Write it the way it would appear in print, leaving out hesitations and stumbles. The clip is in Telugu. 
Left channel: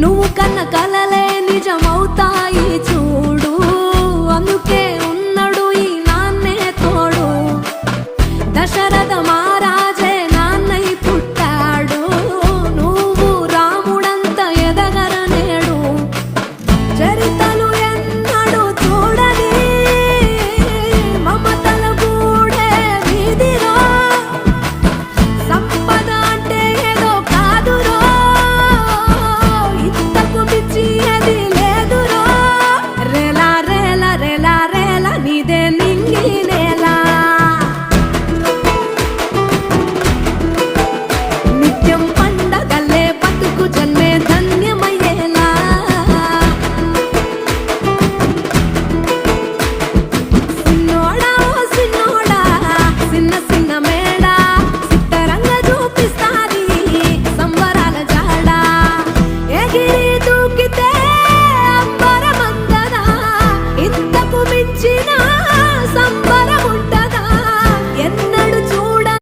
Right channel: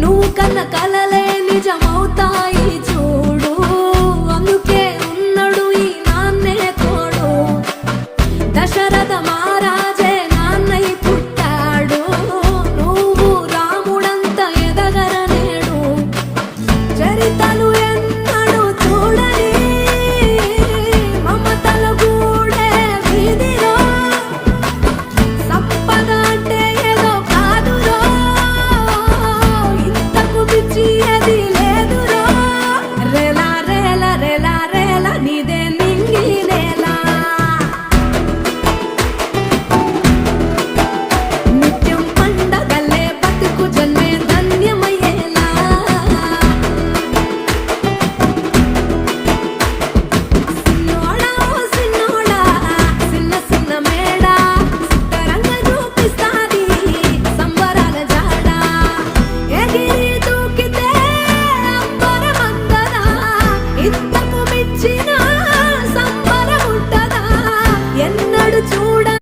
నువ్వు కన్న కలలే నిజమవుతాయి చూడు, అందుకే ఉన్నాడు ఈ నాన్నే తోడు. దశరథ మహారాజే నాన్నై పుట్టాడు, నువ్వు రాముడంత ఎదగరనేడు. చరితలు ఎన్నడు చూడని మమతల గూడే వీధిరో, సంపద అంటే ఏదో కాదురో, ఇంతకు మించి అది